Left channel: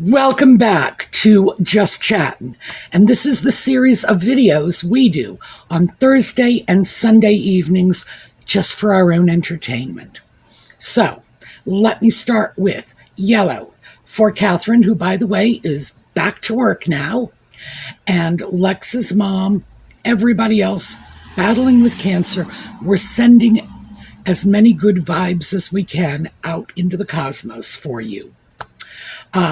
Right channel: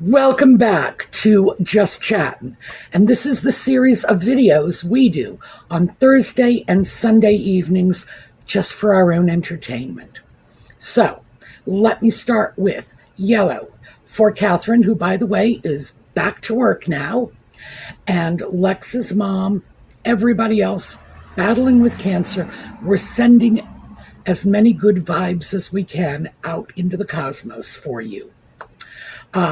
Welcome back to Just Chattin', and this is the series of videos we do on Thursday and Sunday evenings just for our own entertainment. So, let me start with yellow for Catherine, who, by the way, is back to work now, and Lex's mom, everybody else battling with cancer. We're sending as many good vibes as we can out into the cosmos for you.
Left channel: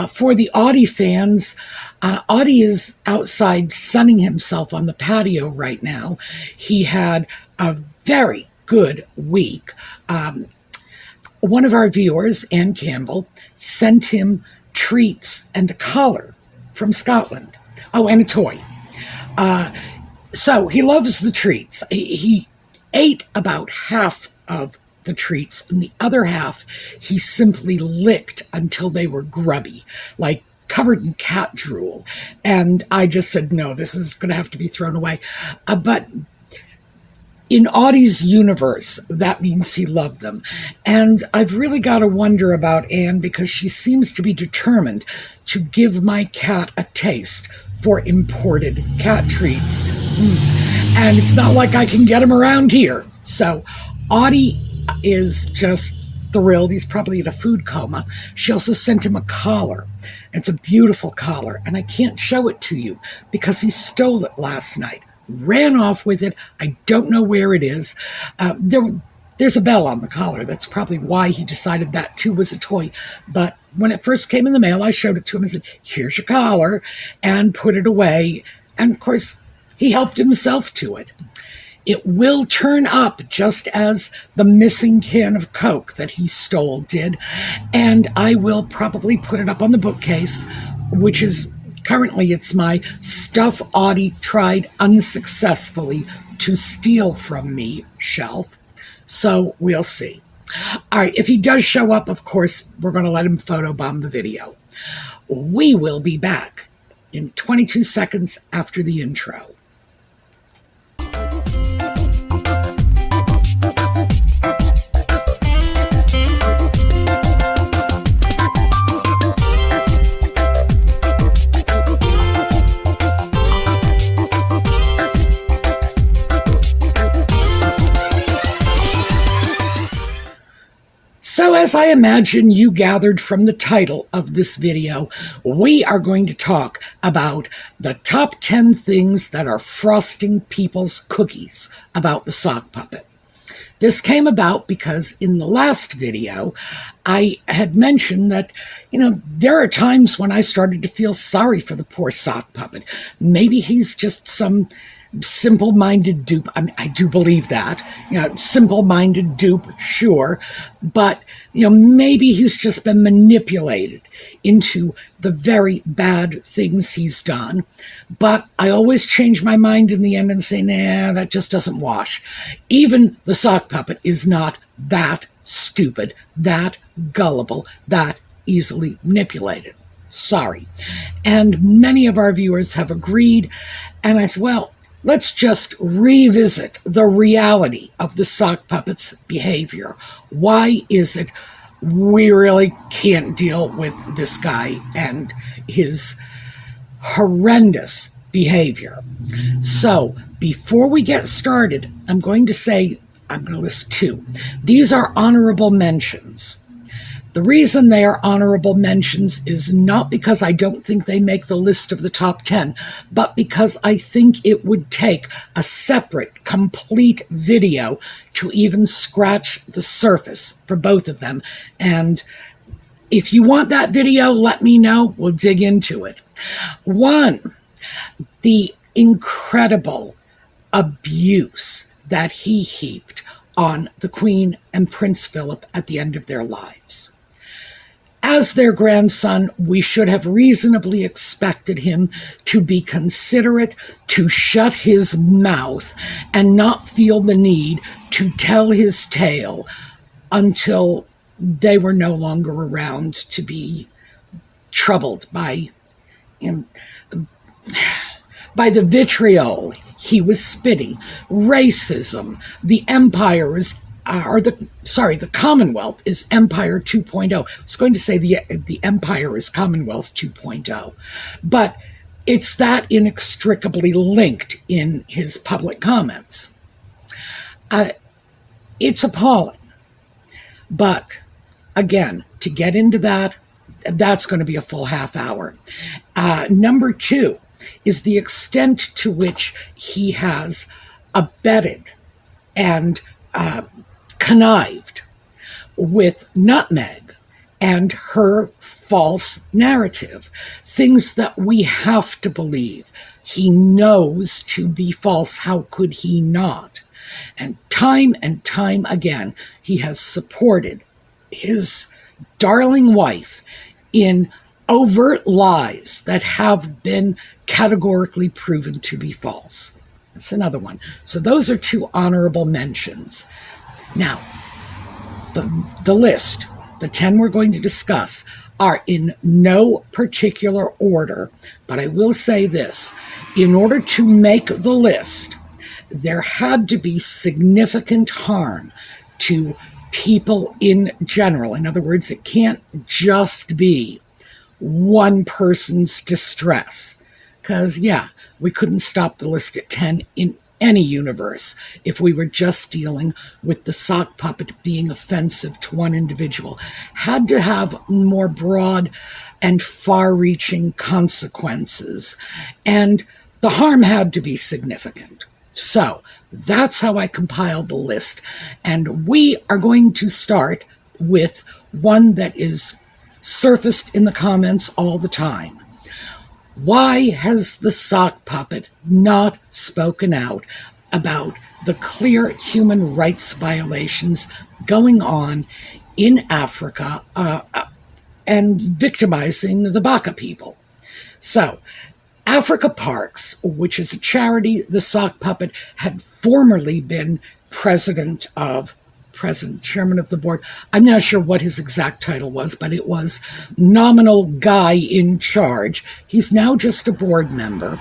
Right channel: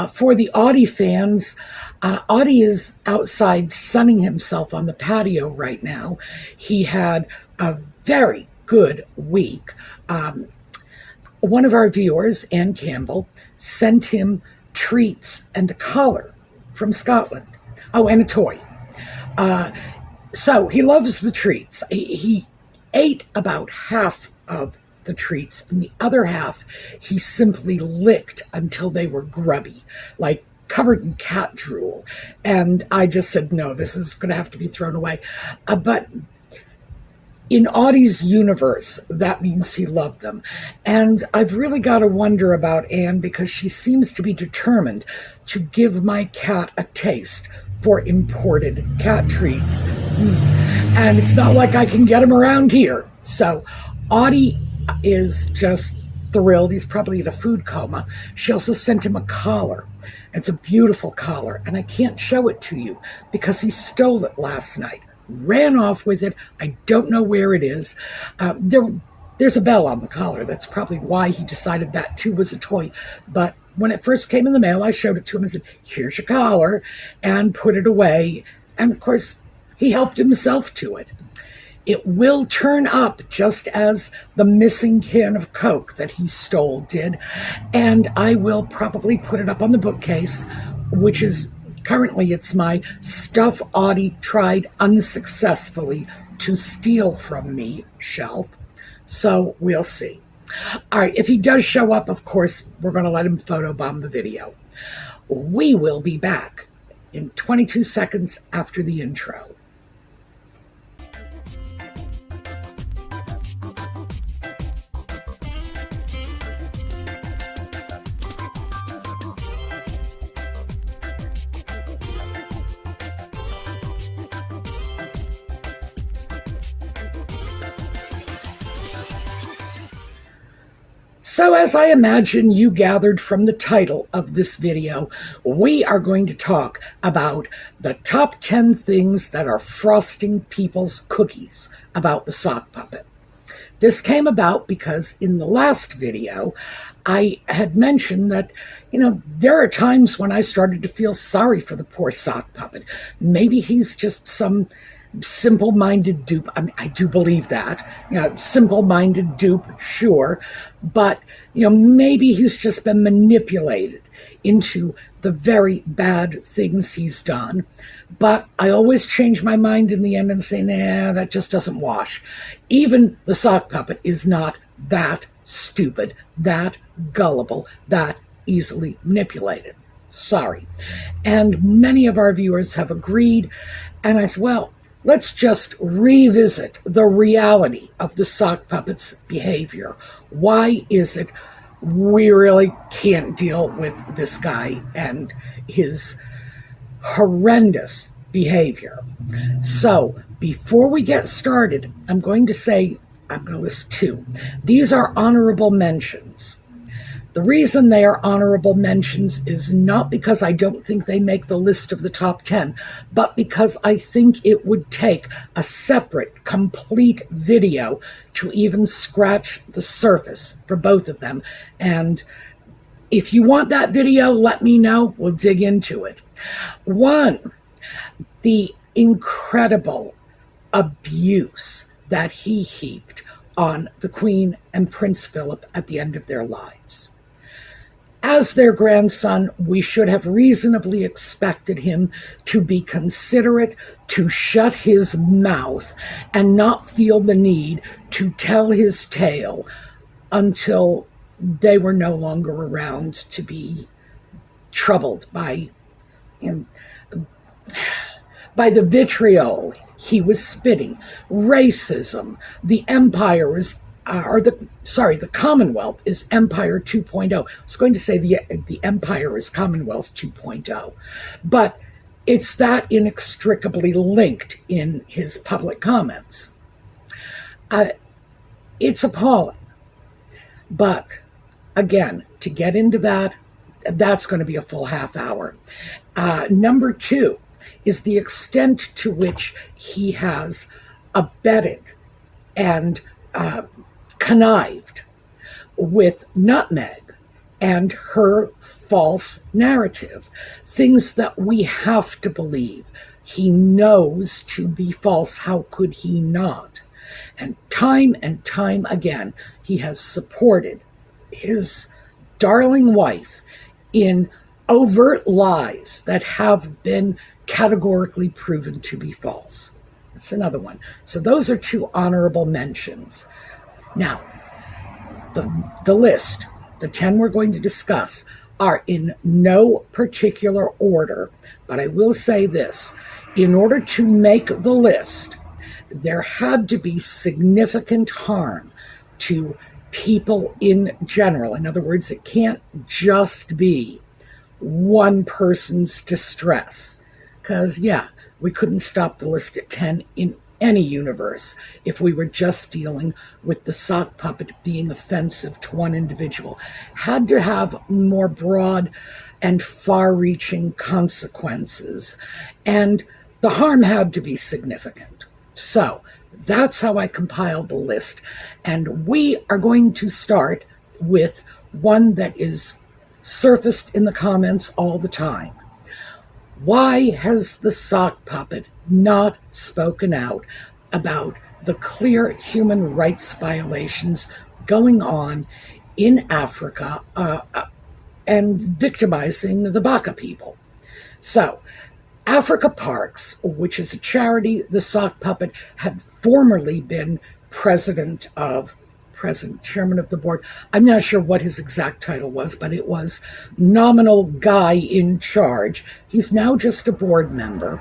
For the Audie fans, Audie is outside sunning himself on the patio right now. He had a very good week. One of our viewers, Ann Campbell, sent him treats and a collar from Scotland. Oh, and a toy. So he loves the treats. He ate about half of the treats, and the other half he simply licked until they were grubby, like covered in cat drool. And I just said, no, this is going to have to be thrown away. But in Audie's universe, that means he loved them. And I've really got to wonder about Anne, because she seems to be determined to give my cat a taste for imported cat treats. And it's not like I can get them around here. So Audie is just thrilled. He's probably in a food coma. She also sent him a collar. It's a beautiful collar, and I can't show it to you because he stole it last night, ran off with it. I don't know where it is. There's a bell on the collar. That's probably why he decided that too was a toy. But when it first came in the mail, I showed it to him and said, here's your collar, and put it away. And of course, he helped himself to it. It will turn up just as the missing can of Coke that he stole did. And I will probably put it up on the bookcase, which is currently, it's my stuff Audie tried unsuccessfully to steal from me shelf. So we'll see. All right, if he does show up, of course, we're going to let him photobomb the video. We will be back in 22 seconds after the intro. So as I imagine you gathered from the title of this video, we are going to talk about the top 10 things that are frosting people's cookies about the sock puppet. This came about because in the last video, I had mentioned that, there are times when I started to feel sorry for the poor sock puppet. Maybe he's just some simple-minded dupe. I mean, I do believe that, simple-minded dupe, sure, but, maybe he's just been manipulated into the very bad things he's done. But I always change my mind in the end and say, nah, that just doesn't wash. Even the sock puppet is not that stupid, that gullible, that easily manipulated. Sorry. And many of our viewers have agreed, and I said, well, let's just revisit the reality of the sock puppet's behavior. Why is it we really can't deal with this guy and his horrendous behavior? So before we get started, I'm going to list two. These are honorable mentions. The reason they are honorable mentions is not because I don't think they make the list of the top 10, but because I think it would take a separate, complete video to even scratch the surface for both of them. And if you want that video, let me know. We'll dig into it. One, the incredible abuse that he heaped on the Queen and Prince Philip at the end of their lives. As their grandson, we should have reasonably expected him to be considerate, to shut his mouth, and not feel the need to tell his tale until they were no longer around to be troubled by the vitriol he was spitting, racism, the empire was the Commonwealth is Empire 2.0. I was going to say the Empire is Commonwealth 2.0, but it's that inextricably linked in his public comments. It's appalling. But again, to get into that, that's going to be a full half hour. Number two is the extent to which he has abetted and connived with Nutmeg and her false narrative, things that we have to believe he knows to be false. How could he not? And time again, he has supported his darling wife in overt lies that have been categorically proven to be false. That's another one. So those are two honorable mentions. Now, the list, the 10 we're going to discuss, are in no particular order, but I will say this. In order to make the list, there had to be significant harm to people in general. In other words, it can't just be one person's distress. Because, yeah, we couldn't stop the list at 10 in any universe if we were just dealing with the sock puppet being offensive to one individual. Had to have more broad and far-reaching consequences. And the harm had to be significant. So that's how I compiled the list. And we are going to start with one that is surfaced in the comments all the time. Why has the sock puppet not spoken out about the clear human rights violations going on in Africa and victimizing the Baka people? So, Africa Parks, which is a charity the sock puppet had formerly been chairman of the board. I'm not sure what his exact title was, but it was nominal guy in charge. He's now just a board member.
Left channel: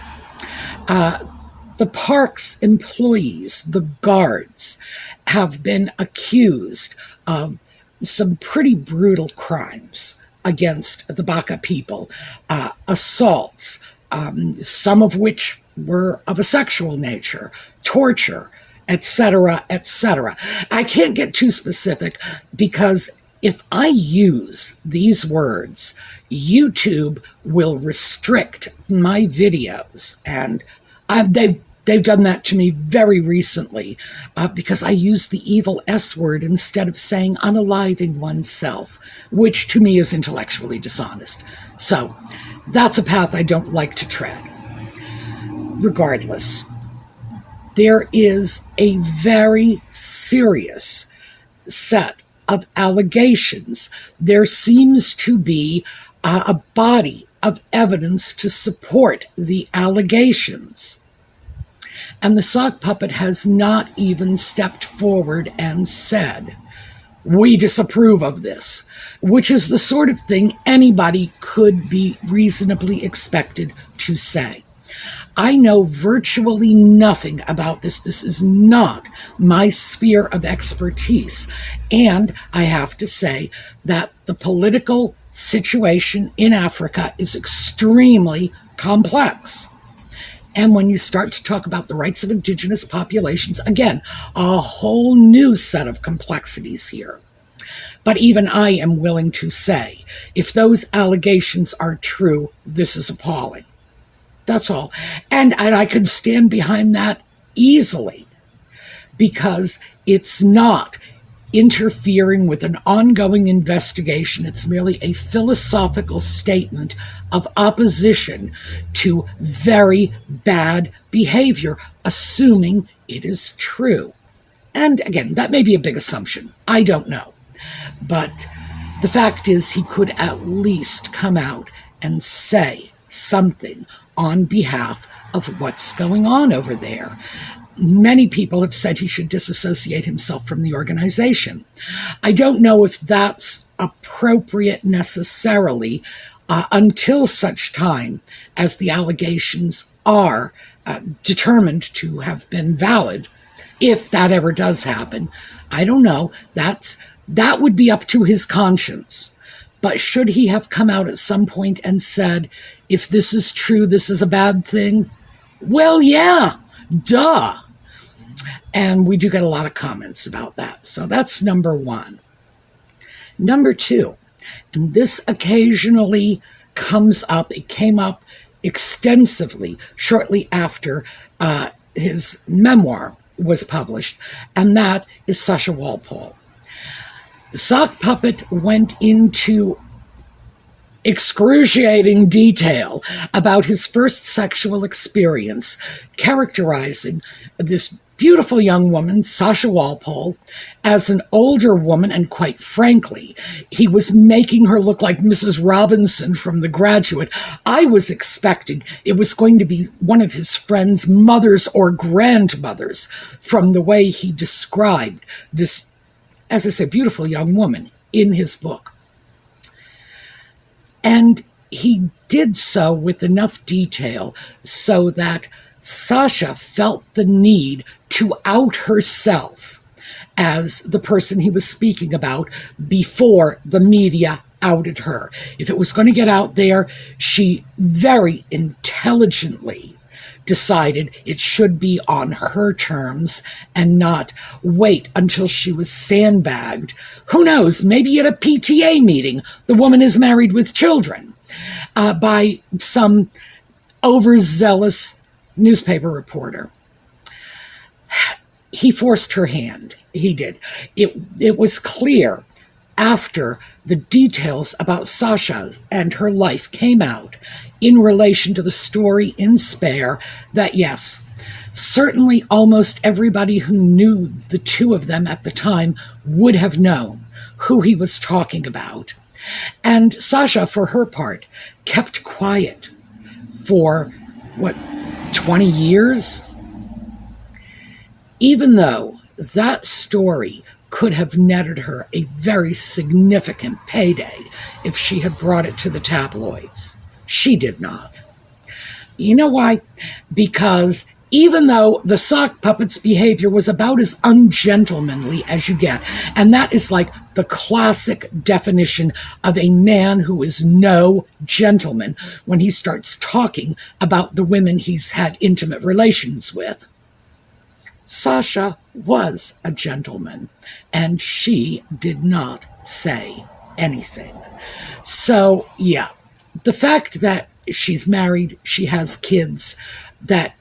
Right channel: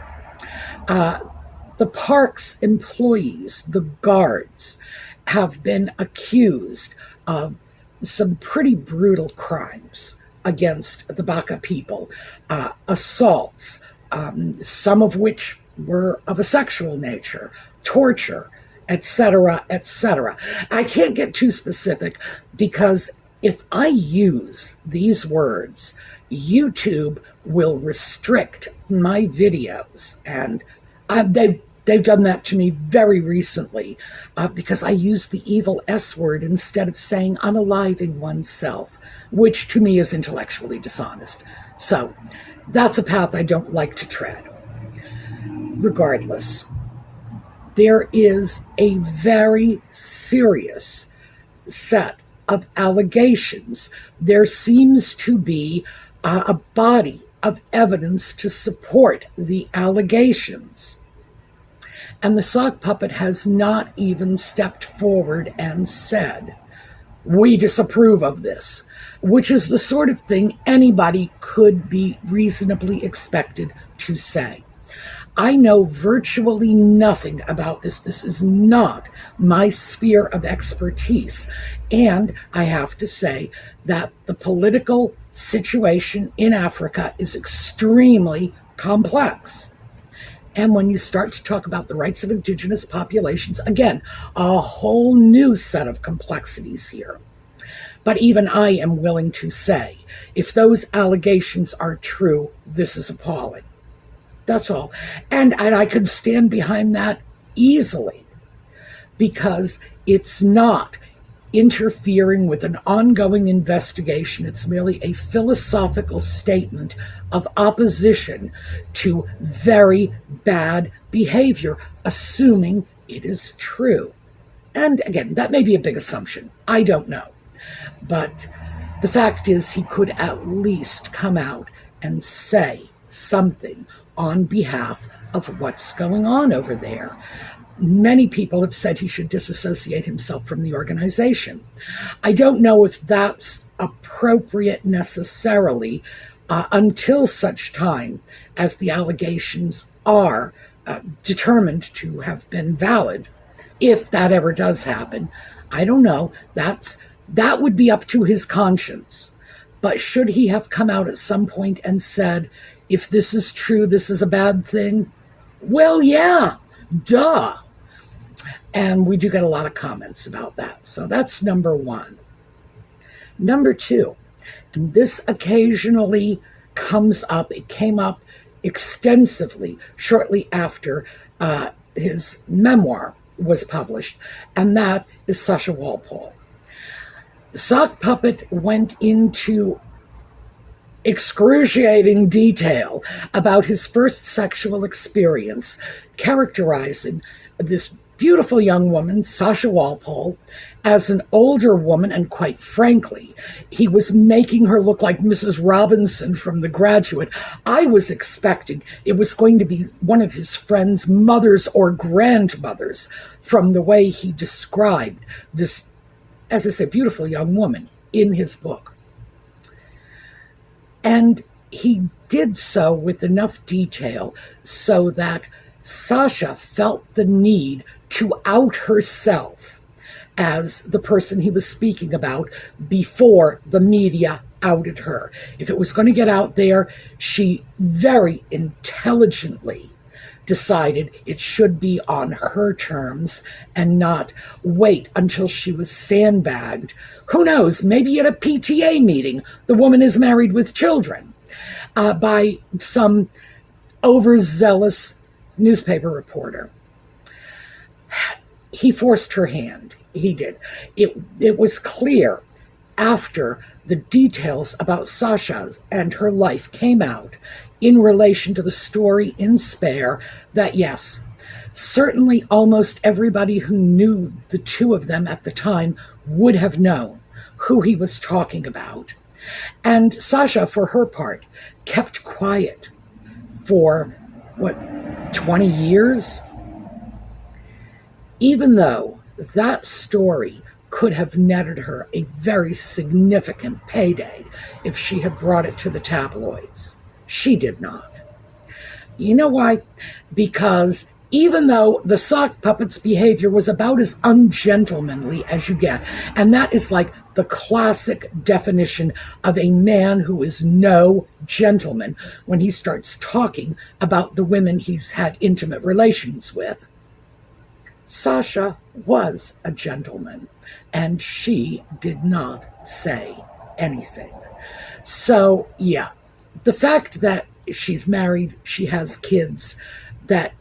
The park's employees, the guards, have been accused of some pretty brutal crimes against the Baka people, assaults, some of which were of a sexual nature, torture, etc., etc. I can't get too specific because if I use these words, YouTube will restrict my videos, and they've done that to me very recently because I use the evil S word instead of saying unaliving oneself, which to me is intellectually dishonest. So that's a path I don't like to tread. Regardless, there is a very serious set of allegations. There seems to be a body of evidence to support the allegations. And the sock puppet has not even stepped forward and said, we disapprove of this, which is the sort of thing anybody could be reasonably expected to say. I know virtually nothing about this. This is not my sphere of expertise. And I have to say that the political situation in Africa is extremely complex. And when you start to talk about the rights of indigenous populations, again, a whole new set of complexities here. But even I am willing to say, if those allegations are true, this is appalling. That's all. And I could stand behind that easily because it's not interfering with an ongoing investigation. It's merely a philosophical statement of opposition to very bad behavior, assuming it is true. And again, that may be a big assumption. I don't know. But the fact is he could at least come out and say something on behalf of what's going on over there. Many people have said he should disassociate himself from the organization. I don't know if that's appropriate necessarily until such time as the allegations are determined to have been valid. If that ever does happen, I don't know. That would be up to his conscience. But should he have come out at some point and said, if this is true, this is a bad thing? Well, yeah, duh. And we do get a lot of comments about that. So that's number one. Number two, and this occasionally comes up, it came up extensively shortly after his memoir was published, and that is Sasha Walpole. The sock puppet went into excruciating detail about his first sexual experience, characterizing this beautiful young woman, Sasha Walpole, as an older woman, and quite frankly, he was making her look like Mrs. Robinson from The Graduate. I was expecting it was going to be one of his friend's mothers or grandmothers from the way he described this, as I say, beautiful young woman in his book. And he did so with enough detail so that Sasha felt the need to out herself as the person he was speaking about before the media outed her. If it was going to get out there, she very intelligently decided it should be on her terms and not wait until she was sandbagged. Who knows, maybe at a PTA meeting, the woman is married with children, by some overzealous newspaper reporter. He forced her hand. He did. It was clear after the details about Sasha and her life came out in relation to the story in Spare that, yes, certainly almost everybody who knew the two of them at the time would have known who he was talking about. And Sasha, for her part, kept quiet for, 20 years? Even though that story could have netted her a very significant payday if she had brought it to the tabloids. She did not. You know why? Because even though the sock puppet's behavior was about as ungentlemanly as you get, and that is like the classic definition of a man who is no gentleman when he starts talking about the women he's had intimate relations with, Sasha was a gentleman, and she did not say anything. So, yeah, the fact that she's married, she has kids, that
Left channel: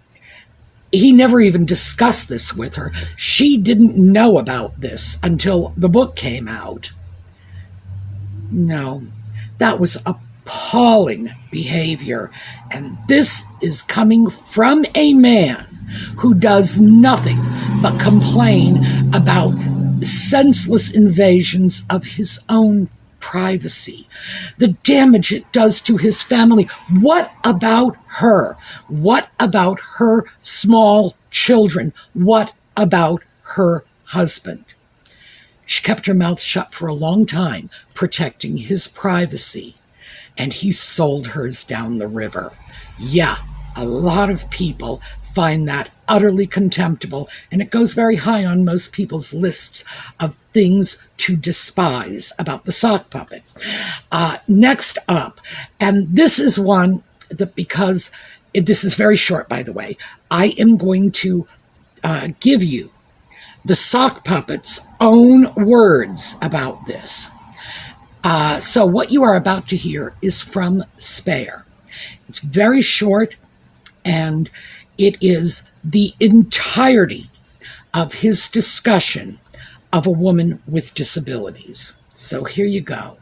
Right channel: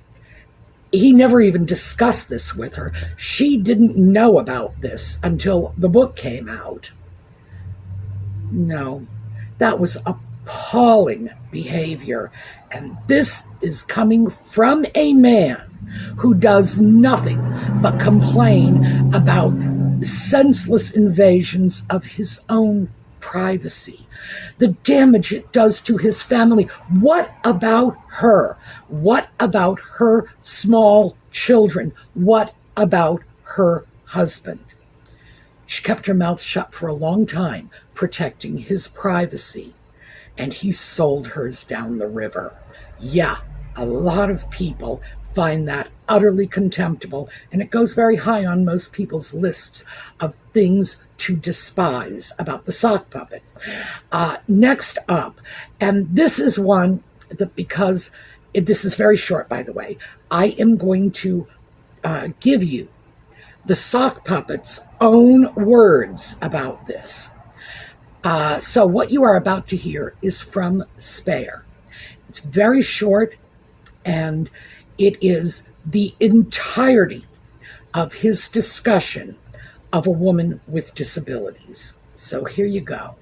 he never even discussed this with her. She didn't know about this until the book came out. No, that was appalling behavior. And this is coming from a man who does nothing but complain about senseless invasions of his own privacy, the damage it does to his family. What about her? What about her small children? What about her husband? She kept her mouth shut for a long time, protecting his privacy, and he sold hers down the river. Yeah, a lot of people find that utterly contemptible, and it goes very high on most people's lists of things to despise about the sock puppet. Next up, and this is one that, because this is very short, by the way, I am going to give you the sock puppet's own words about this. So what you are about to hear is from Spare. It's very short, and it is the entirety of his discussion of a woman with disabilities. So here you go.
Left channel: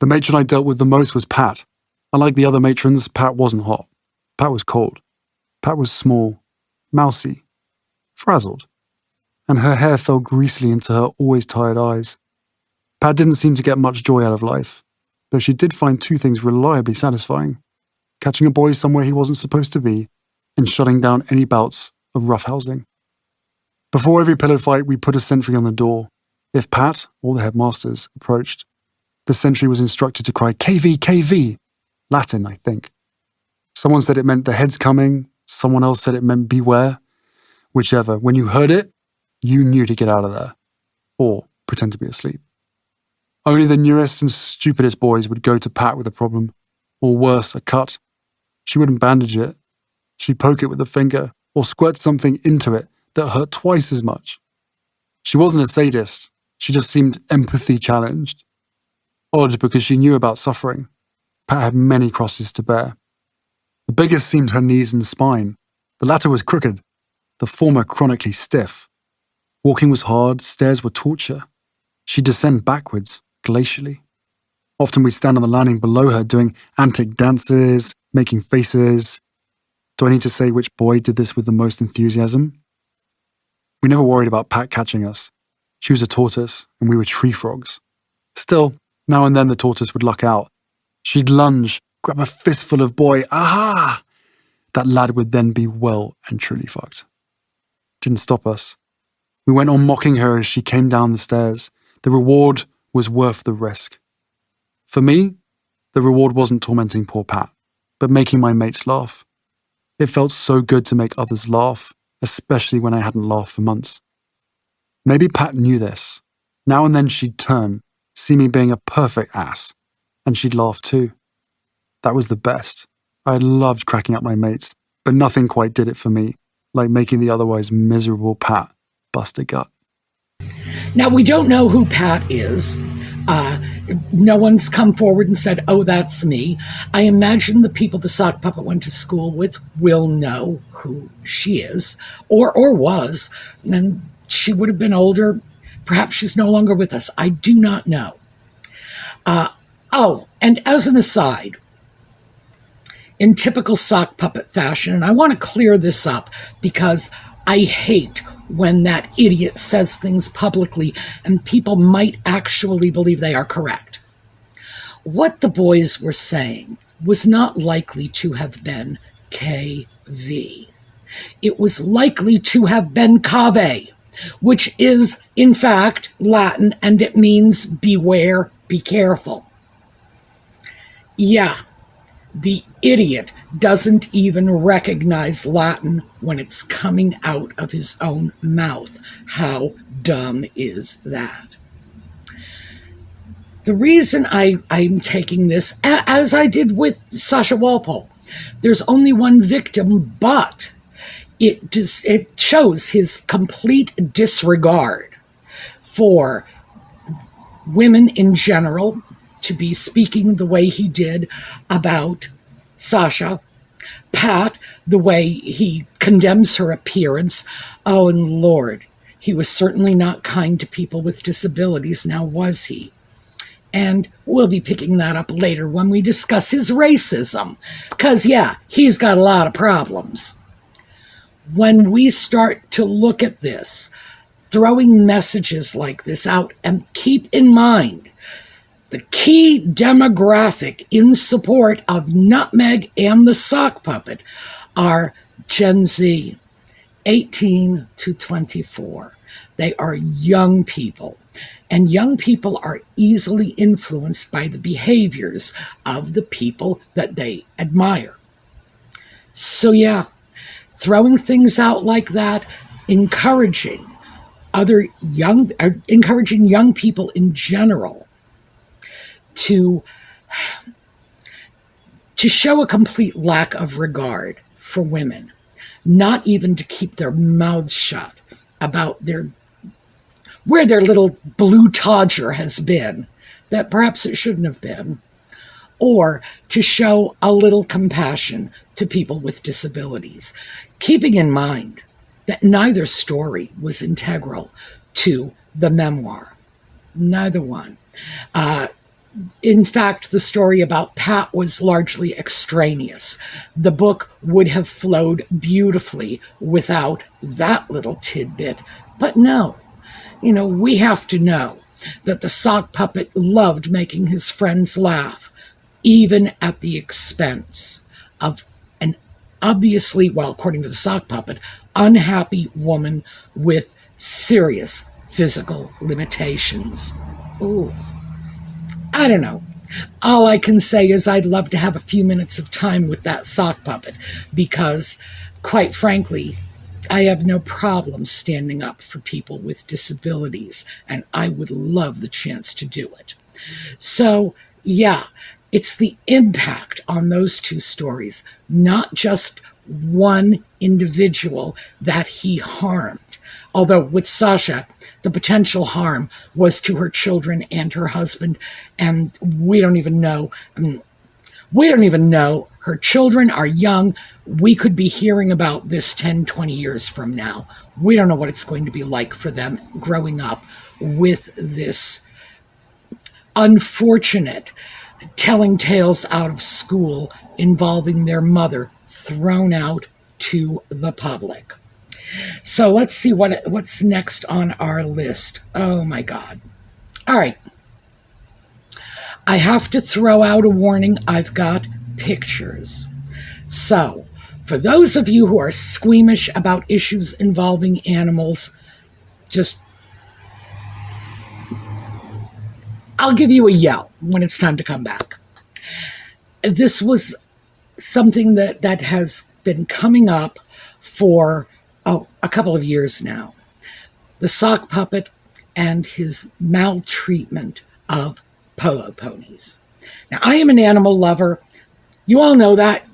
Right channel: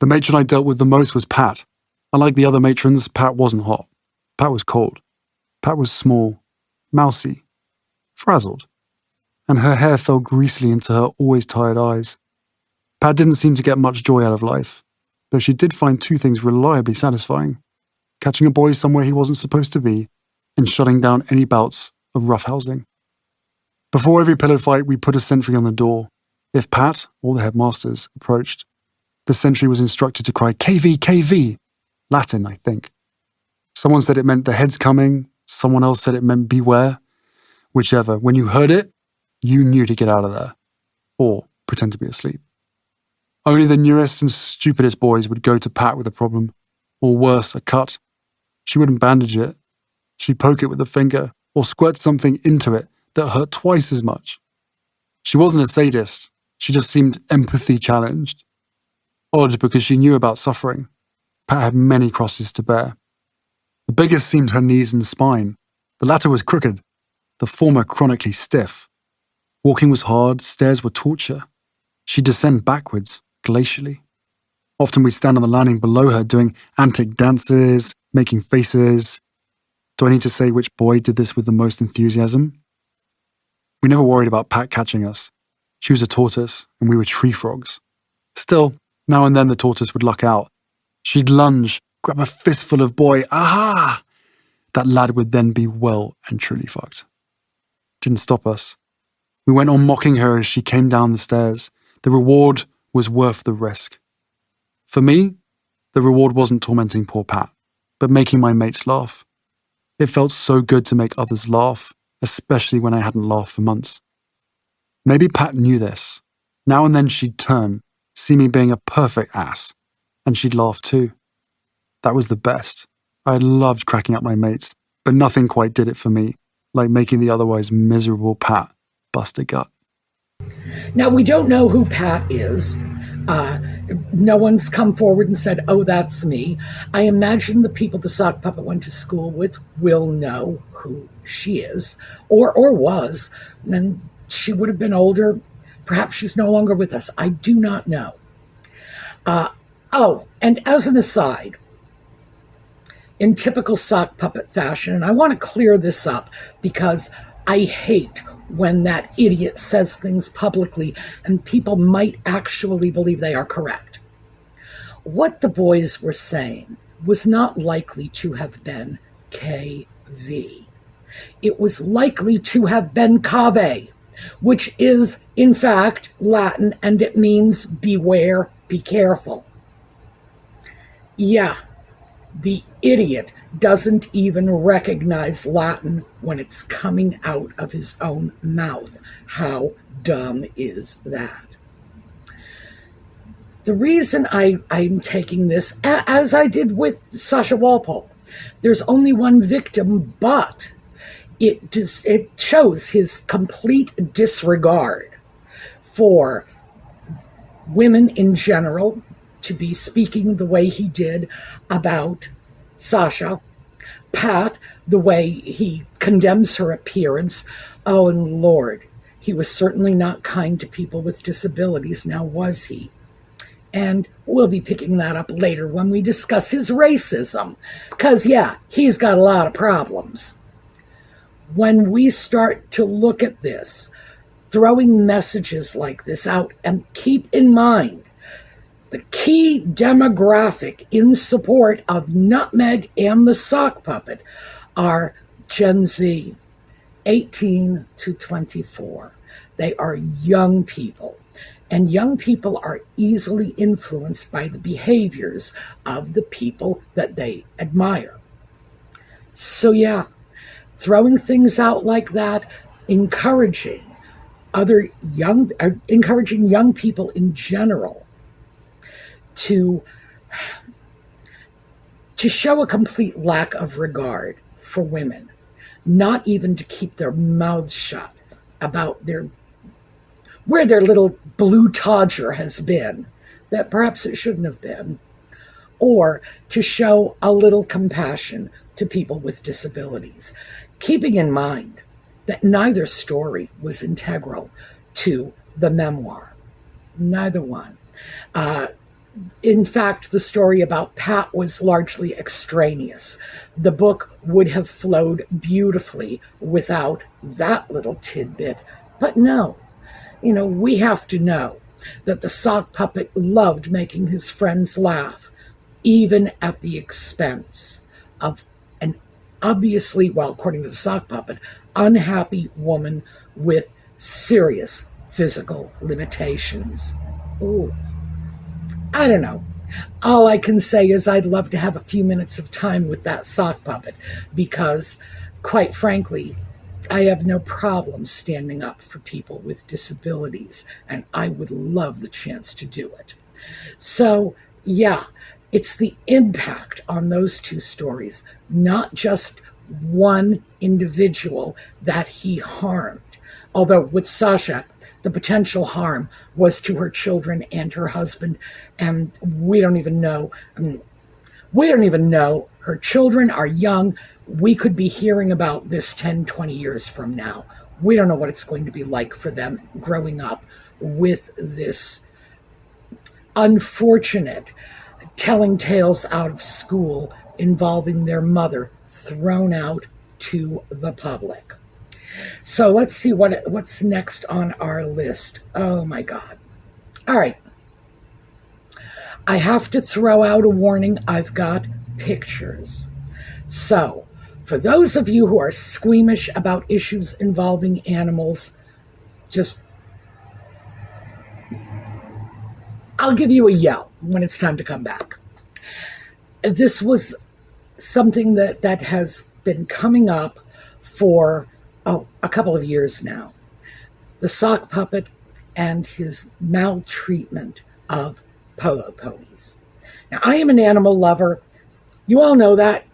The matron I dealt with the most was Pat. Unlike the other matrons, Pat wasn't hot. Pat was cold. Pat was small, mousy, frazzled, and her hair fell greasily into her always tired eyes. Pat didn't seem to get much joy out of life, though she did find two things reliably satisfying: catching a boy somewhere he wasn't supposed to be, and shutting down any bouts of roughhousing. Before every pillow fight, we put a sentry on the door. If Pat, or the headmasters, approached, the sentry was instructed to cry, "KV, KV!" Latin, I think. Someone said it meant the head's coming, someone else said it meant beware. Whichever, when you heard it, you knew to get out of there, or pretend to be asleep. Only the newest and stupidest boys would go to Pat with a problem, or worse, a cut. She wouldn't bandage it. She'd poke it with a finger, or squirt something into it that hurt twice as much. She wasn't a sadist, she just seemed empathy challenged. Odd because she knew about suffering. Pat had many crosses to bear. The biggest seemed her knees and spine. The latter was crooked, the former chronically stiff. Walking was hard, stairs were torture. She'd descend backwards, glacially. Often we'd stand on the landing below her doing antic dances, making faces. Do I need to say which boy did this with the most enthusiasm? We never worried about Pat catching us. She was a tortoise, and we were tree frogs. Still, now and then the tortoise would luck out. She'd lunge, grab a fistful of boy, aha! That lad would then be well and truly fucked. Didn't stop us. We went on mocking her as she came down the stairs. The reward was worth the risk. For me, the reward wasn't tormenting poor Pat, but making my mates laugh. It felt so good to make others laugh, especially when I hadn't laughed for months. Maybe Pat knew this. Now and then she'd turn, see me being a perfect ass, and she'd laugh too. That was the best. I loved cracking up my mates, but nothing quite did it for me, like making the otherwise miserable Pat bust a gut. Now, we don't know who Pat is. No one's come forward and said, oh, that's me. I imagine the people the sock puppet went to school with will know who she is, or was. And she would have been older. Perhaps she's no longer with us. I do not know. And as an aside, in typical sock puppet fashion, and I want to clear this up because I hate when that idiot says things publicly and people might actually believe they are correct. What the boys were saying was not likely to have been KV. It was likely to have been cave, which is, in fact, Latin, and it means beware, be careful. Yeah, the idiot doesn't even recognize Latin when it's coming out of his own mouth. How dumb is that? The reason I'm taking this, as I did with Sasha Walpole, there's only one victim, but it shows his complete disregard for women in general, to be speaking the way he did about Sasha, Pat, the way he condemns her appearance. Oh, and Lord, he was certainly not kind to people with disabilities, now was he? And we'll be picking that up later when we discuss his racism, because, yeah, he's got a lot of problems. When we start to look at this, throwing messages like this out, and keep in mind, the key demographic in support of Nutmeg and the sock puppet are Gen Z, 18 to 24. They are young people, and young people are easily influenced by the behaviors of the people that they admire. So yeah, throwing things out like that, encouraging young people in general to show a complete lack of regard for women, not even to keep their mouths shut about where their little blue todger has been, that perhaps it shouldn't have been, or to show a little compassion to people with disabilities, keeping in mind that neither story was integral to the memoir. Neither one. In fact, the story about Pat was largely extraneous. The book would have flowed beautifully without that little tidbit. But no, we have to know that the sock puppet loved making his friends laugh, even at the expense of an obviously, well, according to the sock puppet, unhappy woman with serious physical limitations. Ooh. I don't know. All I can say is I'd love to have a few minutes of time with that sock puppet because, quite frankly, I have no problem standing up for people with disabilities, and I would love the chance to do it. So, yeah, it's the impact on those two stories, not just one individual that he harmed. Although with Sasha, the potential harm was to her children and her husband, and we don't even know. We don't even know. Her children are young. We could be hearing about this 10, 20 years from now. We don't know what it's going to be like for them growing up with this unfortunate telling tales out of school involving their mother thrown out to the public. So let's see what's next on our list. Oh my God. All right. I have to throw out a warning. I've got pictures. So for those of you who are squeamish about issues involving animals, I'll give you a yell when it's time to come back. This was something that has been coming up for a couple of years now. The sock puppet and his maltreatment of polo ponies. Now, I am an animal lover. You all know that.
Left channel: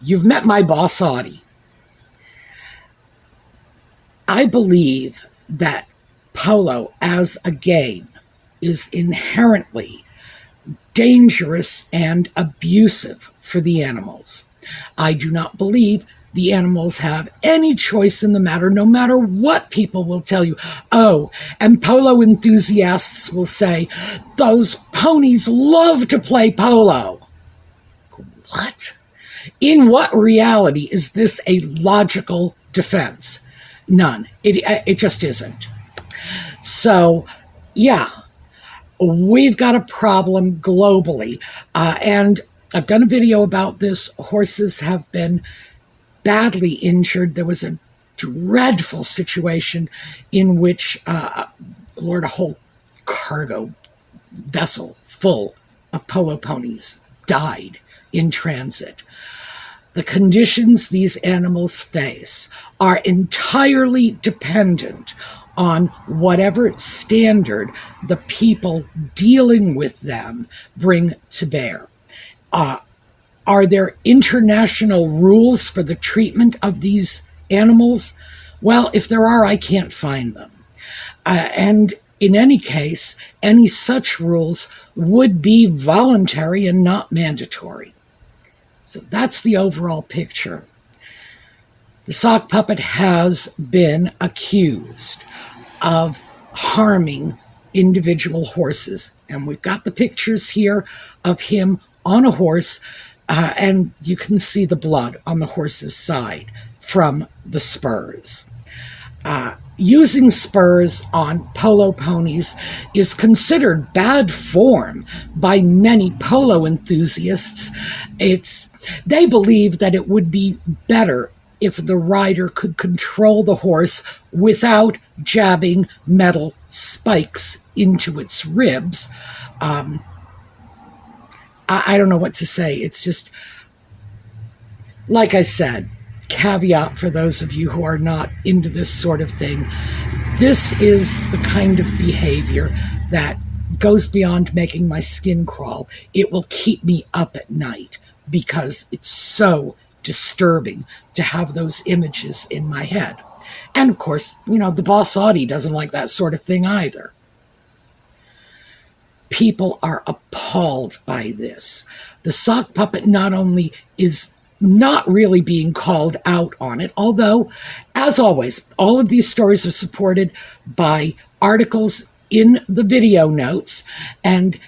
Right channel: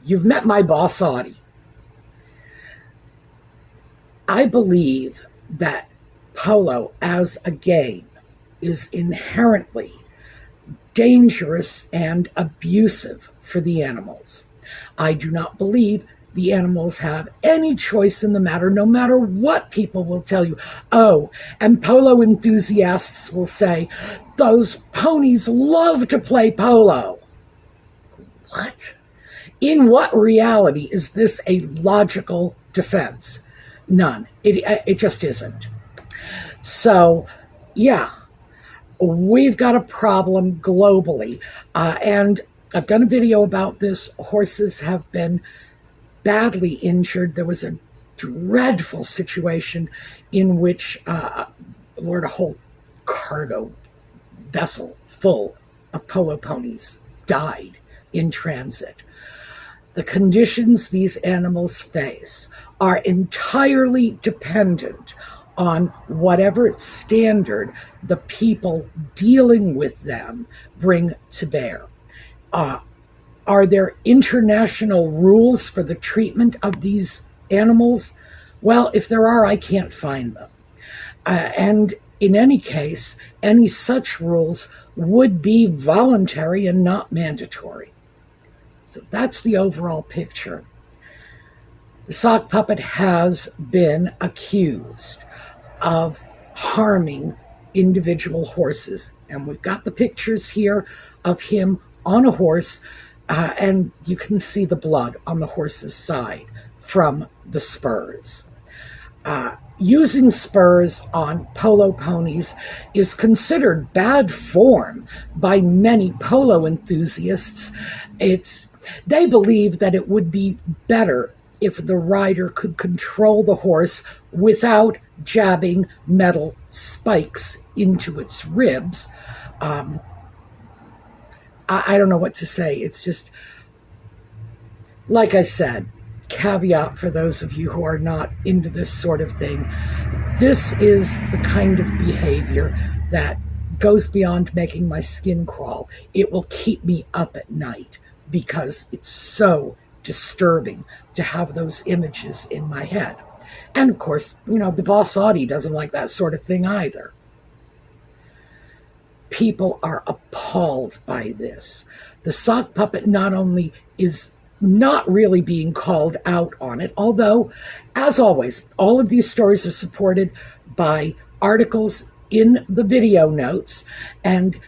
You've met my boss, Audie. I believe that polo as a game is inherently dangerous and abusive for the animals. I do not believe the animals have any choice in the matter, no matter what people will tell you. Oh, and polo enthusiasts will say, those ponies love to play polo. What? In what reality is this a logical defense? None. It just isn't. So, yeah, we've got a problem globally. And I've done a video about this. Horses have been badly injured. There was a dreadful situation in which a whole cargo vessel full of polo ponies died in transit. The conditions these animals face are entirely dependent on whatever standard the people dealing with them bring to bear. Are there international rules for the treatment of these animals? Well, if there are, I can't find them. And in any case, any such rules would be voluntary and not mandatory. So that's the overall picture. The sock puppet has been accused of harming individual horses. And we've got the pictures here of him on a horse, and you can see the blood on the horse's side from the spurs. Using spurs on polo ponies is considered bad form by many polo enthusiasts. They believe that it would be better if the rider could control the horse without jabbing metal spikes into its ribs. I don't know what to say. It's just, like I said, caveat for those of you who are not into this sort of thing. This is the kind of behavior that goes beyond making my skin crawl. It will keep me up at night because it's so disturbing to have those images in my head. And of course, the boss Audie doesn't like that sort of thing either. People are appalled by this. The sock puppet not only is not really being called out on it, although, as always, all of these stories are supported by articles in the video notes, and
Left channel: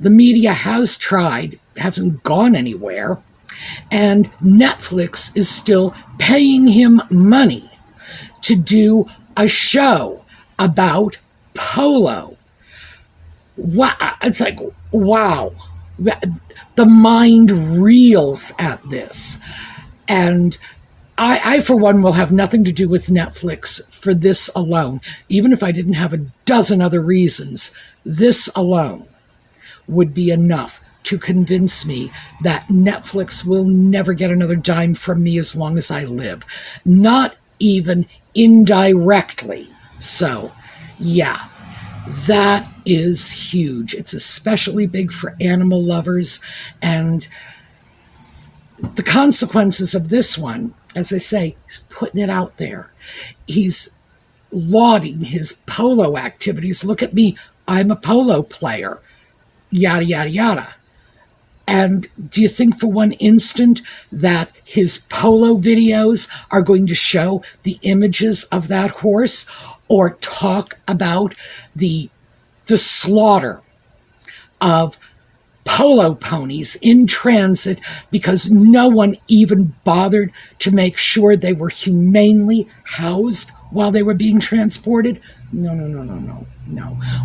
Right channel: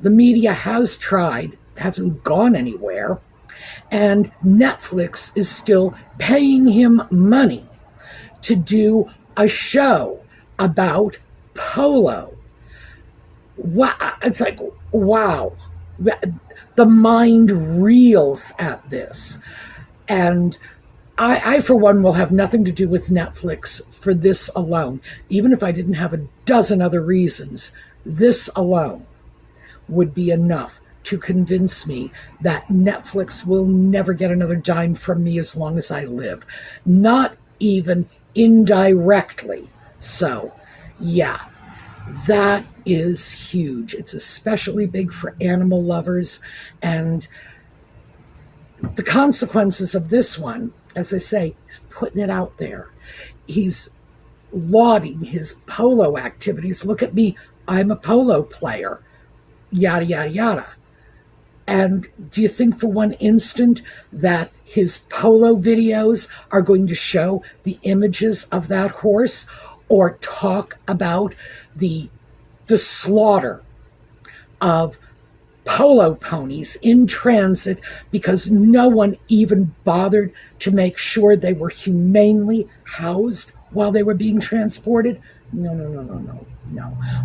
the media hasn't gone anywhere, and Netflix is still paying him money to do a show about polo. Wow, it's like, wow. The mind reels at this. And I, for one, will have nothing to do with Netflix for this alone. Even if I didn't have a dozen other reasons, this alone would be enough to convince me that Netflix will never get another dime from me as long as I live. Not even indirectly. So, yeah, that is huge. It's especially big for animal lovers. And the consequences of this one, as I say, he's putting it out there. He's lauding his polo activities. Look at me, I'm a polo player, yada, yada, yada. And do you think for one instant that his polo videos are going to show the images of that horse or talk about the slaughter of polo ponies in transit because no one even bothered to make sure they were humanely housed while they were being transported? No.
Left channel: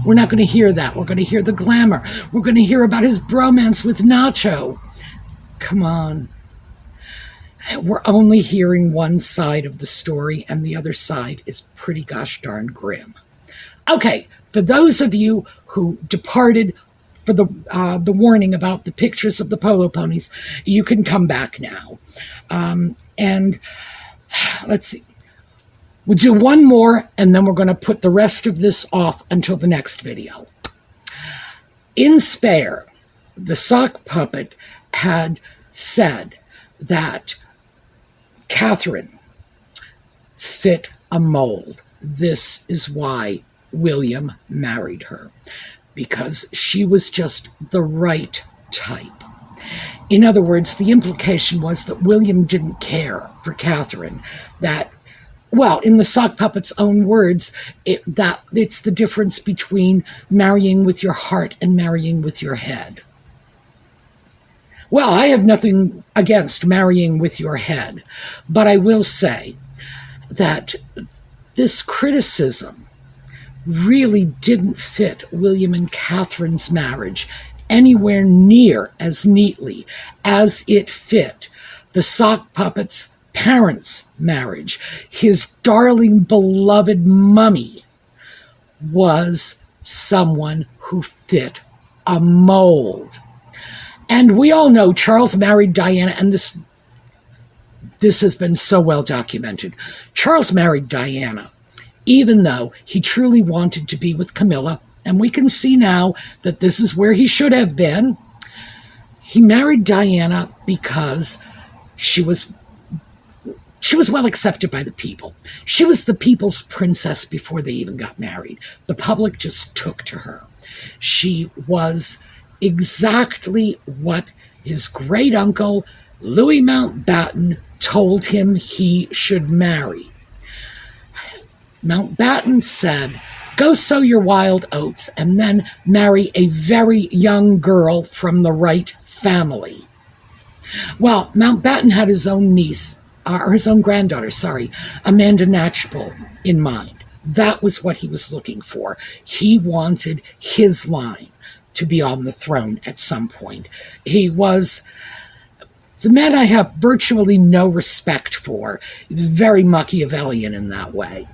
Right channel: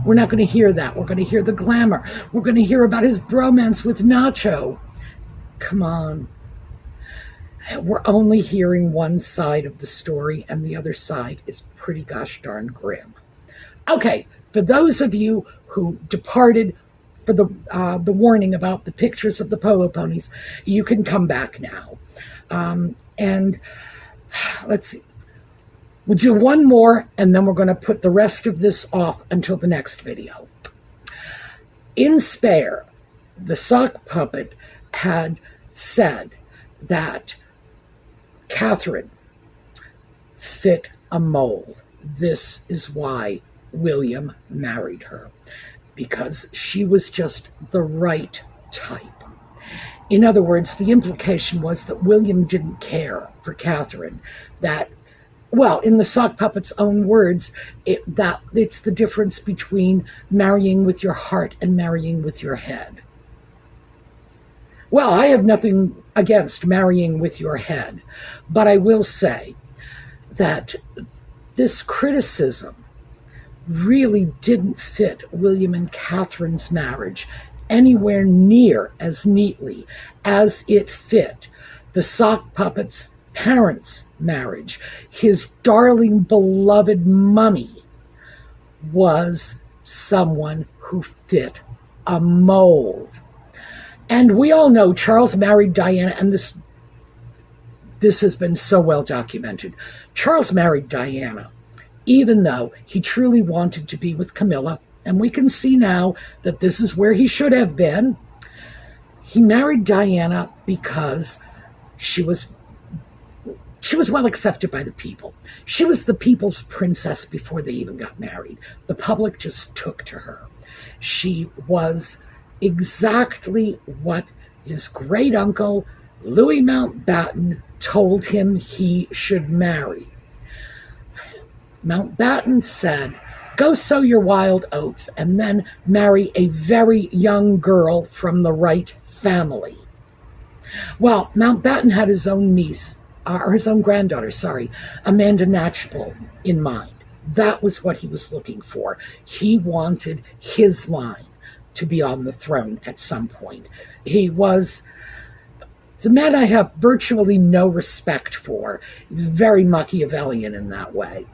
We're not going to hear that. We're going to hear the glamour. We're going to hear about his bromance with Nacho. Come on. We're only hearing one side of the story, and the other side is pretty gosh darn grim. Okay, for those of you who departed for the warning about the pictures of the polo ponies, you can come back now. And let's see. We'll do one more, and then we're going to put the rest of this off until the next video. In Spare, the sock puppet had said that Catherine fit a mold. This is why William married her, because she was just the right type. In other words, the implication was that William didn't care for Catherine, that, well, in the sock puppet's own words, it's the difference between marrying with your heart and marrying with your head. Well, I have nothing against marrying with your head, but I will say that this criticism really didn't fit William and Catherine's marriage anywhere near as neatly as it fit the sock puppet's parents' marriage. His darling, beloved mummy was someone who fit a mold. And we all know Charles married Diana, and this has been so well documented. Charles married Diana, even though he truly wanted to be with Camilla, and we can see now that this is where he should have been. He married Diana because she was well accepted by the people. She was the people's princess before they even got married. The public just took to her. She was exactly what his great uncle, Louis Mountbatten, told him he should marry. Mountbatten said, "Go sow your wild oats and then marry a very young girl from the right family." Well, Mountbatten had his own niece, or his own granddaughter, Amanda Knatchbull, in mind. That was what he was looking for. He wanted his line to be on the throne at some point. He's a man I have virtually no respect for. He was very Machiavellian in that way.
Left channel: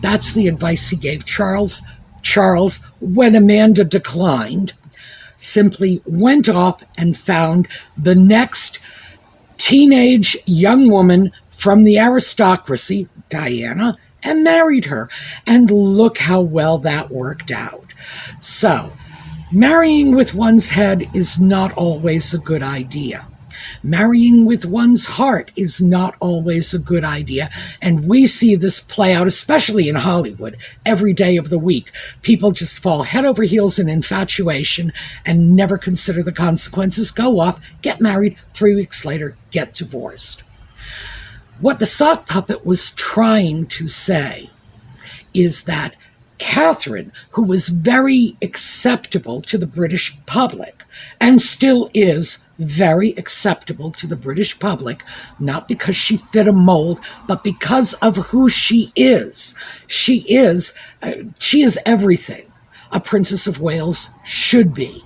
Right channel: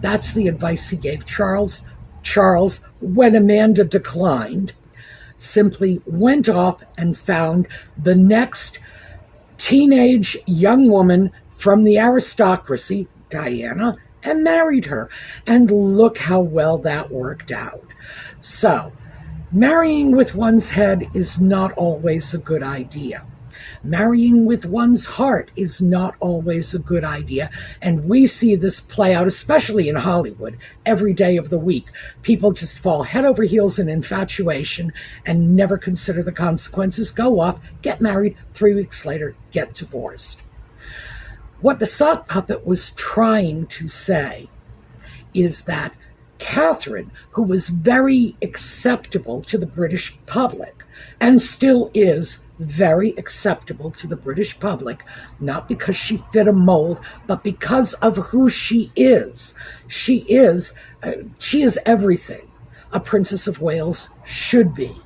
That's the advice he gave Charles. Charles, when Amanda declined, simply went off and found the next teenage young woman from the aristocracy, Diana, and married her. And look how well that worked out. So, marrying with one's head is not always a good idea. Marrying with one's heart is not always a good idea. And we see this play out, especially in Hollywood, every day of the week. People just fall head over heels in infatuation and never consider the consequences, go off, get married, 3 weeks later, get divorced. What the sock puppet was trying to say is that Catherine, who was very acceptable to the British public, and still is very acceptable to the British public, not because she fit a mold, but because of who she is. She is everything a Princess of Wales should be.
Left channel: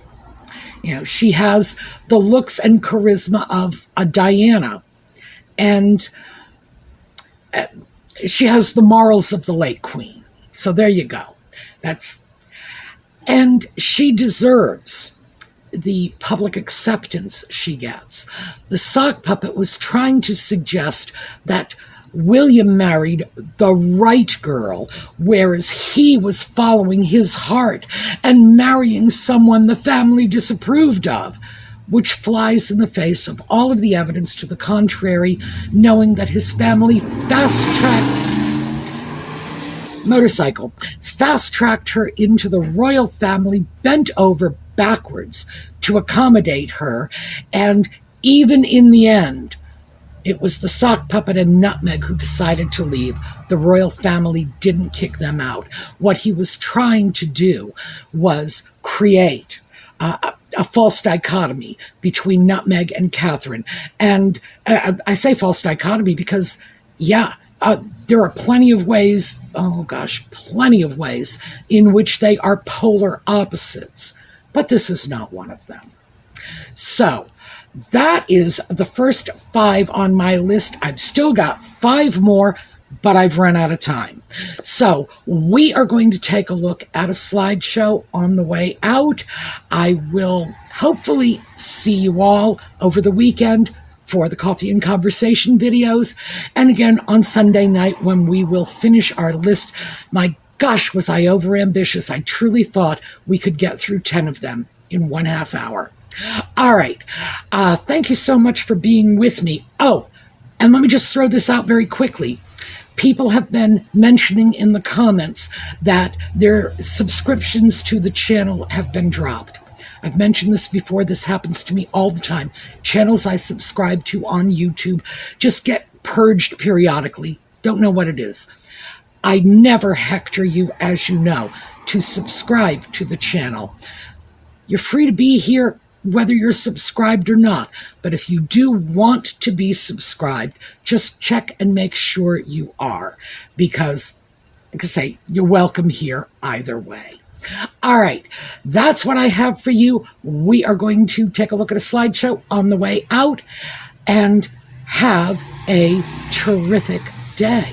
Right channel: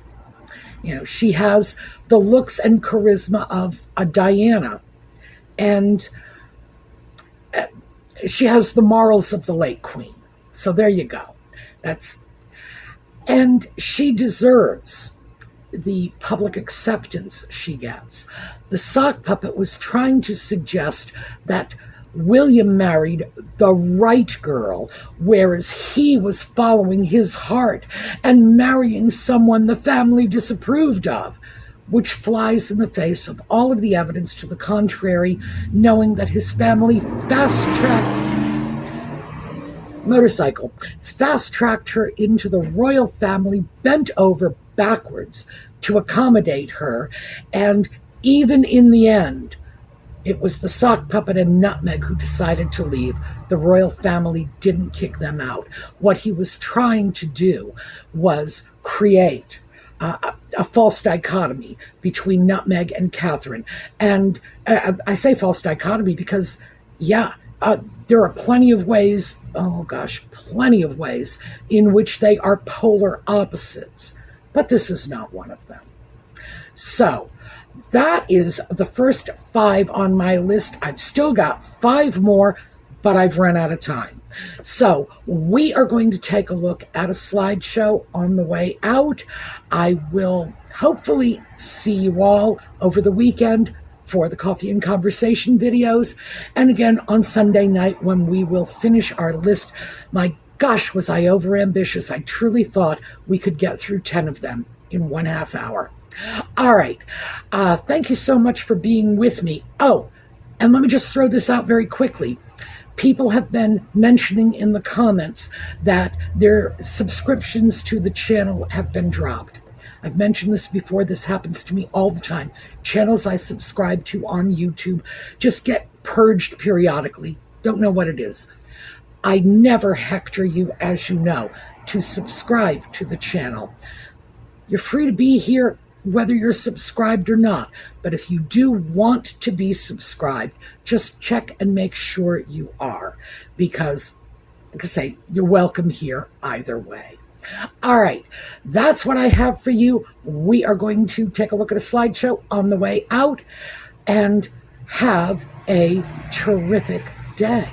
You know, she has the looks and charisma of a Diana, and she has the morals of the late Queen. So there you go. And she deserves the public acceptance she gets. The sock puppet was trying to suggest that William married the right girl, whereas he was following his heart and marrying someone the family disapproved of, which flies in the face of all of the evidence to the contrary, knowing that his family fast-tracked her into the royal family, bent over backwards to accommodate her, and even in the end, it was the sock puppet and Nutmeg who decided to leave. The royal family didn't kick them out. What he was trying to do was create a false dichotomy between Nutmeg and Catherine. And I say false dichotomy because, there are plenty of ways in which they are polar opposites. But this is not one of them. So, that is the first 5 on my list. I've still got 5 more, but I've run out of time. So we are going to take a look at a slideshow on the way out. I will hopefully see you all over the weekend for the Coffee and Conversation videos. And again on Sunday night when we will finish our list. My gosh, was I overambitious. I truly thought we could get through 10 of them in 1/2 hour. All right. Thank you so much for being with me. Oh, and let me just throw this out very quickly. People have been mentioning in the comments that their subscriptions to the channel have been dropped. I've mentioned this before. This happens to me all the time. Channels I subscribe to on YouTube just get purged periodically. Don't know what it is. I never hector you, as you know, to subscribe to the channel. You're free to be here whether you're subscribed or not. But if you do want to be subscribed, just check and make sure you are. Because, like I say, you're welcome here either way. All right, that's what I have for you. We are going to take a look at a slideshow on the way out and have a terrific day.